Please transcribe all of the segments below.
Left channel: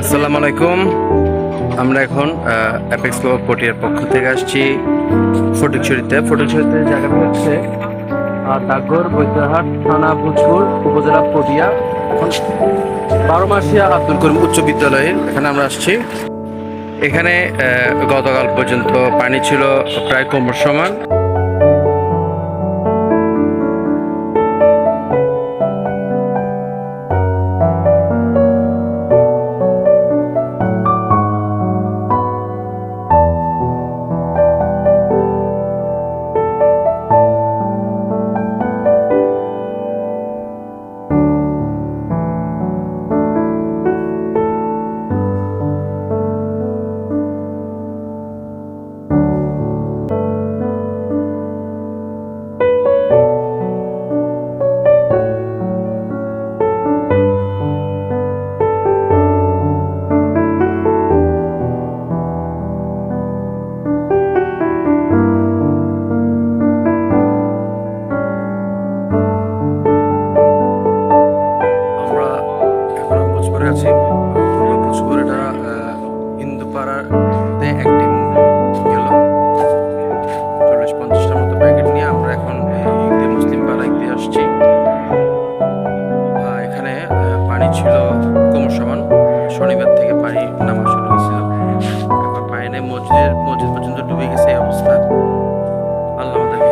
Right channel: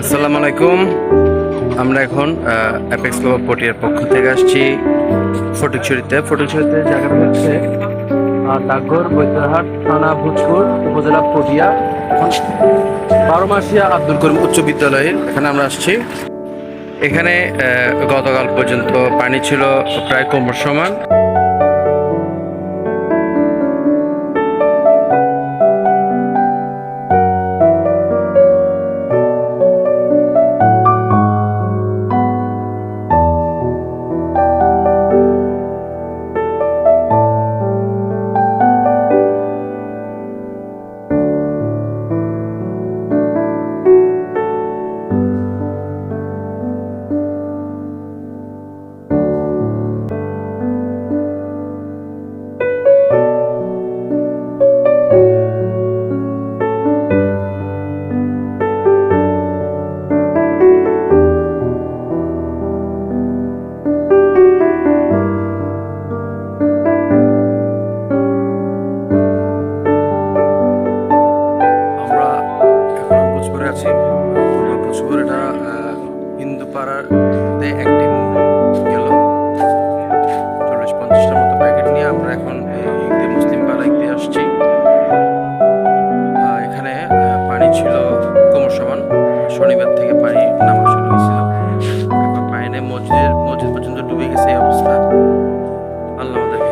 আসসালামু আলাইকুম। আমরা এখন অ্যাপেক্স ক্লাব পটিয়ার পক্ষ থেকে আসছি ফটিকছড়িতে। ফটিকছড়িতে জায়গাটা হচ্ছে ডাকঘর, বৈদ্যহাট, থানা, ভোজপুর, উপজেলা পটিয়া। এখন বারোমাসিয়া আব্দুল করিম উচ্চ বিদ্যালয়ের এখানে আমরা আসছি। এখানে গতকাল পর্যন্ত পানি ছিল প্রায় কোমর সমান। পূর্ব ভোজপুর আহ, একটি গেল। চল্লিশ পঞ্চাশটার মতো প্যাকেট নিয়ে আমরা এখন এই মুসলিম পাড়ায় দিয়ে আসছি। এখানে পানি ছিল কোমর সমান। শনিবার থেকে পানি নামা শুরু হয়েছিল। এখন পানি নেই মসজিদের মসজিদ পর্যন্ত ডুবে গেছে এই অবস্থা। আল্লাহ আমাদেরকে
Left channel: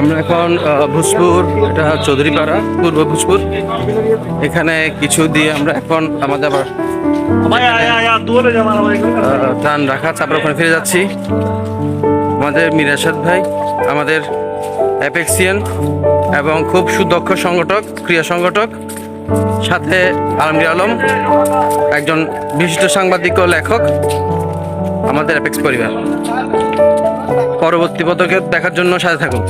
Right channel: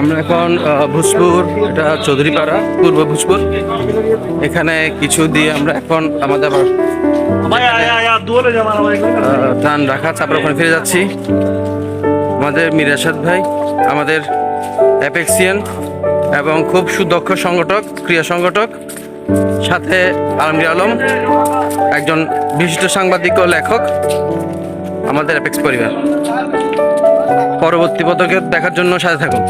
আমরা এখন ভোজপুর এটা চৌধুরীপাড়া পূর্ব ভোজপুর। এখানে কিছু দিয়ে আমরা এখন আমাদের আবার ত্রাণ রাখা আমরা ওখানে ফিরে যাচ্ছি। আমাদের মিরাসাদ ভাই আমাদের অ্যাপেক্সিয়ান এবং খুব সুদক্ষ সংগঠক ক্রিয়া সংগঠক সাথে আলমগীর আলম একজন বিশিষ্ট সাংবাদিক ও লেখক আমাদের অ্যাপেক্স পরিবার। পরবর্তী পদক্ষেপ দেখার জন্য সাথে থাকুন।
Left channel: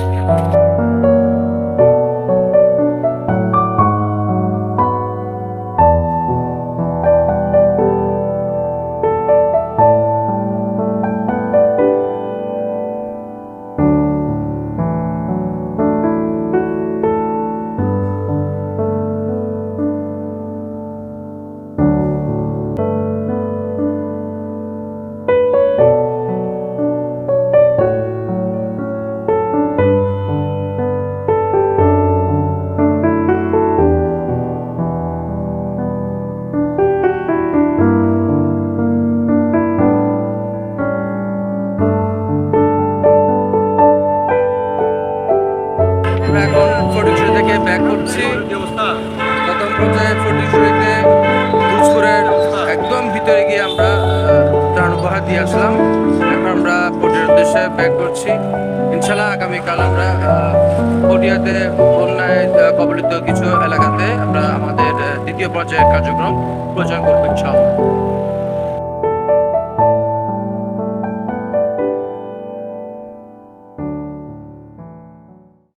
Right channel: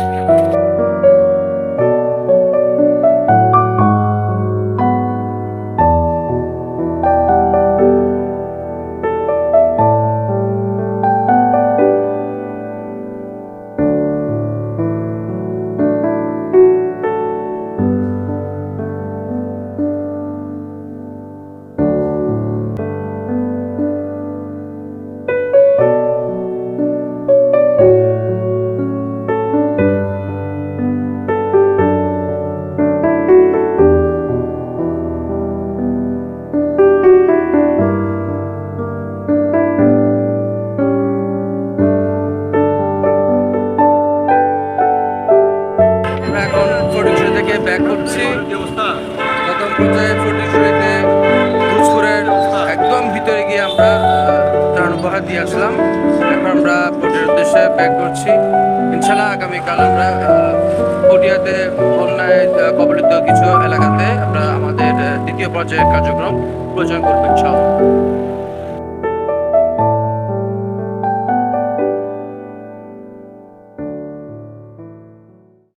থেকে ব্যাক করছি। প্রথম পর্যায়ে ফটিকছড়িতে ভোজপুরের একদম ভিতরে গিয়ে আমরা ত্রাণ উপহার দিয়ে আসলাম। এখন আমরা পটিয়ার উদ্দেশ্যে ব্যাক করছি। ইনশাল্লাহ আগামীকাল আমরা পটিয়াতে বন্যায় কবলিত কিছু এলাকাতে আমরা আমাদের দ্বিতীয় পর্যায়ের কার্যক্রম প্রয়োজন করব ইনশাআল্লাহ।